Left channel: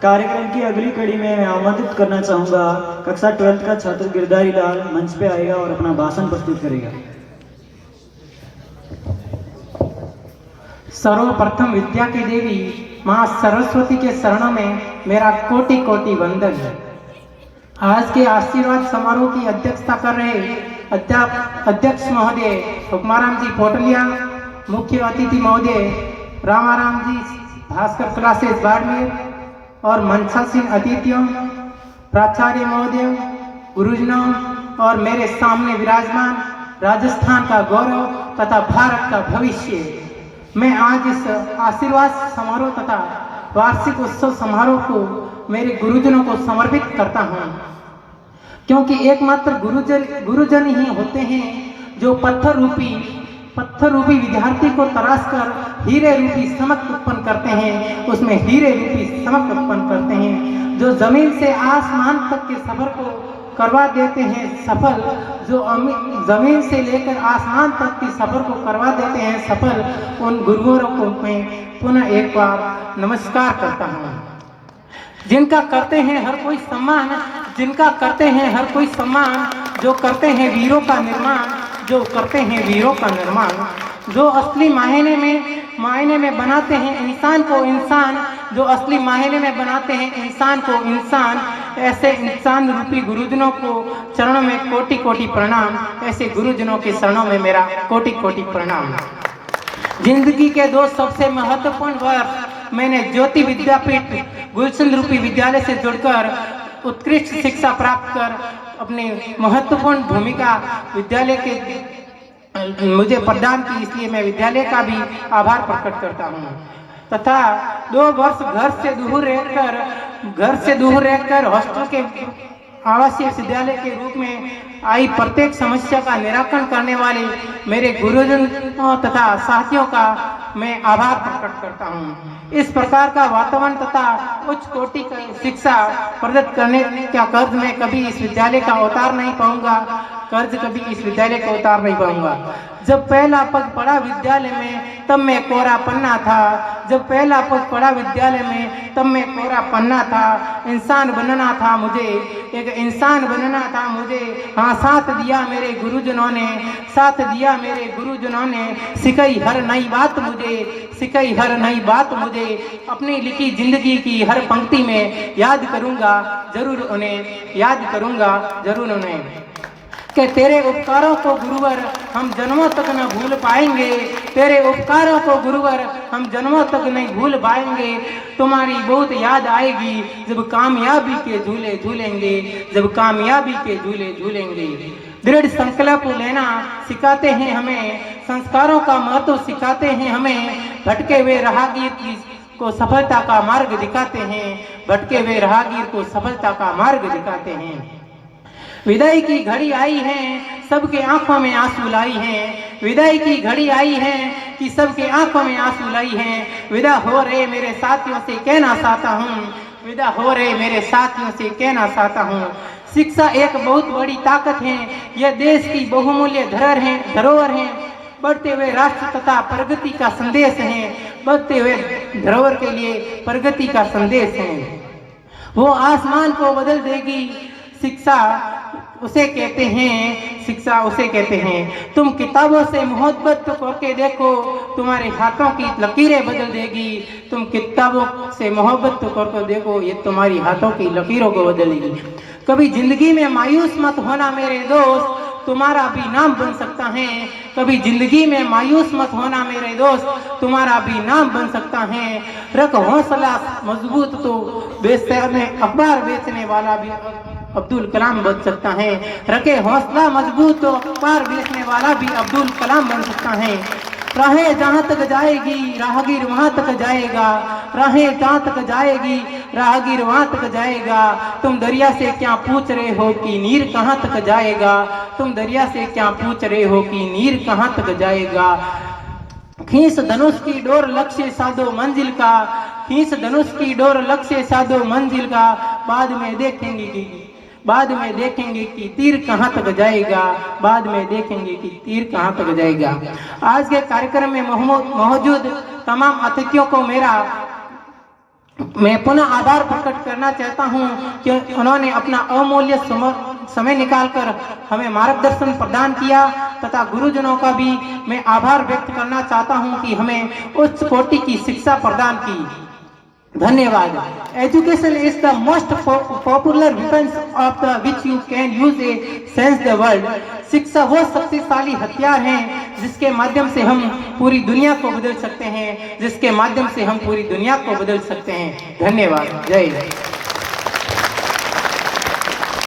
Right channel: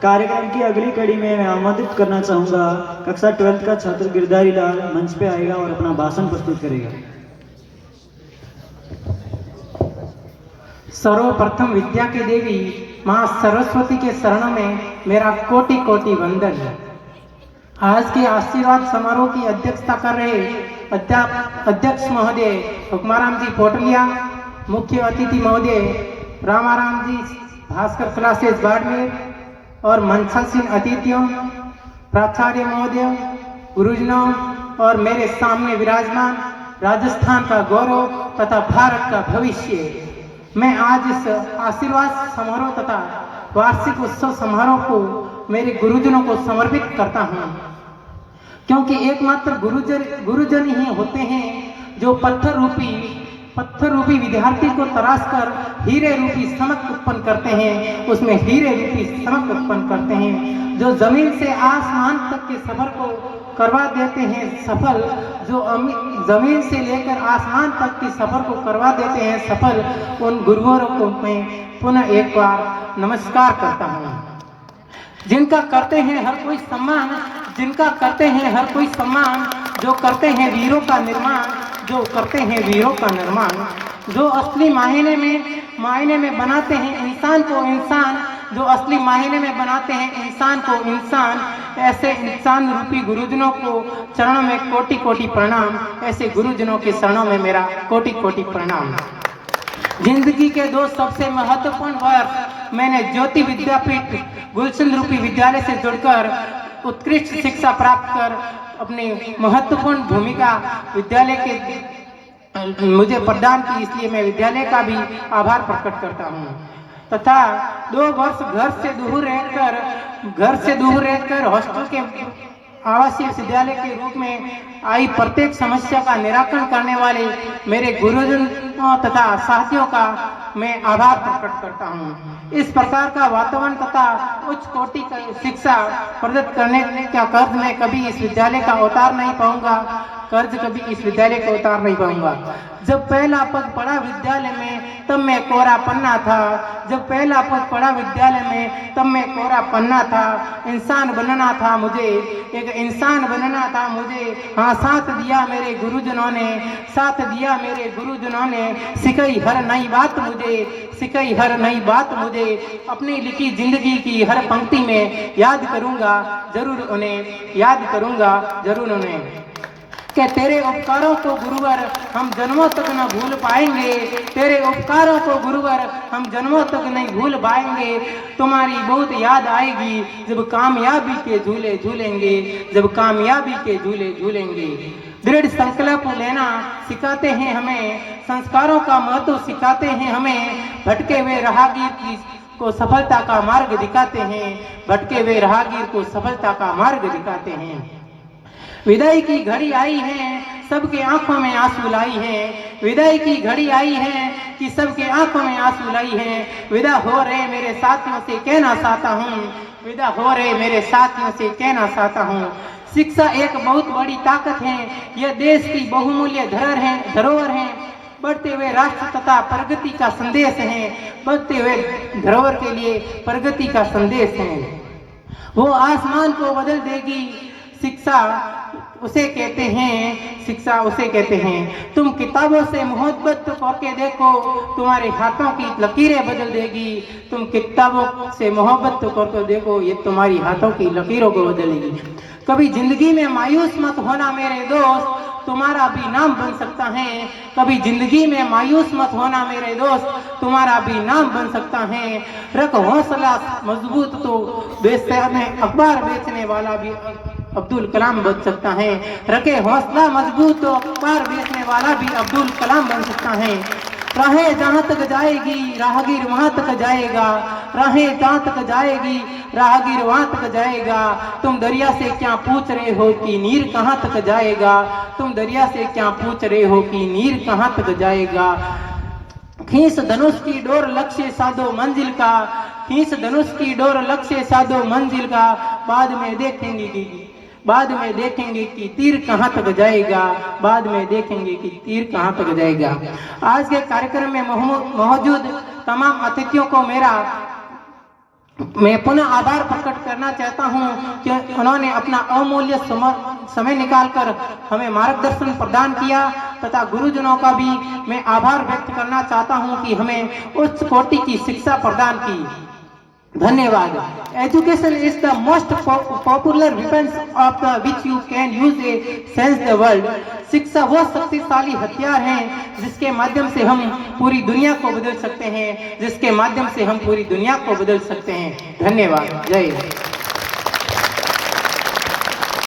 कार्यक्रम की अगली कड़ी में मैं आमंत्रित करना चाहूँगा कक्षा 12th का छात्र गिरधारी लाल मंच पे आएगा और अपना भाषण प्रस्तुत करेगा। सर्वप्रथम विद्या की देवी माँ सरस्वती के शरण में मेरा कोटि कोटि वंदन है। आज के आशीर्वाद समारोह की अध्यक्षता कर रहे अध्यक्ष महोदय हुक्माराम जी पोटलिया, मुख्य अतिथि महोदय रामाराम जी भास्कर क्लासेस बाड़मेर और मंचासीन अतिथियों, प्राचार्य महोदय, गुरुजनों और मेरे सामने विराजमान राजस्थान का गौरव तथा भारत का भविष्य, मैं आज इस आशीर्वाद समारोह तथा वार्षिक उत्सव समारोह को मेरे गुरुजनों को समर्पित करता हूँ, क्योंकि एकमात्र गुरुजन ही होते हैं जो पत्थर रूपी विद्यार्थी को तराश कर हीरे रूपी चमक उत्पन्न करते हैं, उसमें हीरे रूपी चमक उत्पन्न करते हैं, जो जमीन से आसमान तक के सफर को करवा देते हैं सफल, जो जमीन से लेकर आसमान तक की सफर को करवा देते हैं सफल, उन गुरुओं को मैं पुनः एक बार नमस्कार करता हूँ। जिनका करते हैं हर कोई सम्मान, जिनका करते हैं हर कोई सम्मान, जो करते हैं वीरों का निर्माण, जो करते हैं वीरों का निर्माण, जो असली मायने में बनाते हैं इंसान को इंसान, जो असली मायने में बनाते हैं इंसान को इंसान, ऐसे इंसान रूपी गुरुजनों को चरणों में कोटि कोटि प्रणाम। ऐसे गुरुजनों के चरणों में मेरा कोटि कोटि प्रणाम। जिंदगी के दो सबसे महत्वपूर्ण वर्ष मैंने ज्योति विद्यापीठ गुलशन रूपी विद्यालय से जुड़कर उत्कृष्ट शिक्षा प्राप्त कर अपनी महत्वपूर्ण भूमिका विद्यालय के मुझे प्रदान की, इसलिए मैं विद्यालय का भी आभार प्रकट करता हूँ। तथा 2 वर्ष घर से दूर रहकर हॉस्टल के आवासीय विद्यालय के रूप में आई प्रत्येक समस्या का निराकरण करने वाले मेरे गुरुजनों तथा साथियों का मैं आभार प्रकट करता हूँ। इस प्रकार का वातावरण तथा उच्च कोटि की शिक्षा प्रदत्त करने का कर्ज मैं कभी इस विद्यालय का उतार नहीं पाऊंगा, जब पहला पग पड़ा विद्यालय में तब मैं कोरा पन्ना था, जब पहला पग पड़ा विद्यालय में तब मैं कोरा पन्ना था। इंसान बनना था मुझे, एक इंसान बनना था मुझे। हाँ, साथ दिया मेरे गुरुजनों ने, सिखाई हर नई बात मुझे, अपनी लिखी जिंदगी की हर पंक्ति में याद करूंगा जरूर उन्हें कि तेरे उपकारों को गुरुवर हम जन्मों तक न भूल पाएंगे, तेरे उपकारों को गुरुवर हम जन्मों तक नहीं भूल पाएंगे। तुम्हारी बहुत याद आएगी जब कामयाबी के झूले झूलेंगे। दृढ़ संकल्प लेना सिखाते हैं हमें, संस्कारों का महत्व सिखाते हैं हमें, भटके हुए राहगीर को सफलता का मार्ग दिखाते हैं। विदाई की घड़ी आई है, सबके आंखों में आंसू लाई है, विदाई की घड़ी आई है कि सबके आंखों में आंसू लाई है। विदा हो रहे मेरे साथियों से कहना चाहता हूँ, शिक्षा एक बहुत बड़ी ताकत है, यह देश की बहुमूल्य धरोहर है, बढ़ते हुए राष्ट्र तथा प्रगति का संदेश है, बढ़ते हुए धरोहर के लिए प्रगति का संदेश है। वो आसमान को बदल देगी, शिक्षा उसे कहते हैं। तुम किताबों से मोहब्बत करके देखो, तुम्हारे हाथों की लकीरें बदल देगी। तुम किताबों से मोहब्बत करके देखो, ये तुम्हारी हाथों की लकीरों को बदलेगी। कभी जिंदगी में मायूस मत होना मेरे दोस्त, तुम्हारा भी नाम बन सकता है। कभी जिंदगी में मायूस मत होना मेरे दोस्त, तुम्हारा भी नाम बन सकता है। रख हौसला मजबूत तो अखबार बेचने वाला भी अब्दुल कलाम बन सकता है। रखे हौसला मजबूत तो अखबार बेचने वाला भी अब्दुल कलाम बन सकता है। राहें जहाँ तक जाएगी राहगीर वहाँ तक जाएगा, राहें जहाँ तक जाएगी राहगीर वहाँ तक जाएगा। तुम दरिया से क्या पूछ रहे हो कि नीर कहाँ तक जाएगा, तुम दरिया से क्या पूछ रहे हो कि नीर कहाँ तक जाएगा। खींच धनुष की डोर लक्ष्य साधो मंजिल का, खींच धनुष की डोर लक्ष्य साधो मंजिल का। बाद में देखेंगे कि तीर कहाँ तक जाएगा। आज के कार्यक्रम में मौजूद तमाम अतिथियों को मेरा मैं पुनः आभार प्रकट करना चाहता हूं कि उन्होंने अपना अमूल्य समय निकालकर हमें मार्गदर्शन प्रदान किया तथा गुरुजनों का भी मैं आभार व्यक्त करना चाहता हूं कि हमें उच्च कोटि की शिक्षा प्रदान की। धन्यवाद। Education is the most popular weapons of the which you can use a sense the world. शिक्षा वो शक्तिशाली हथियार है जिसके माध्यम से हम पूरी दुनिया को बदल सकते हैं, जिसके माध्यम से हम पूरी दुनिया को बदल सकते हैं। धन्यवाद। जय हिंद।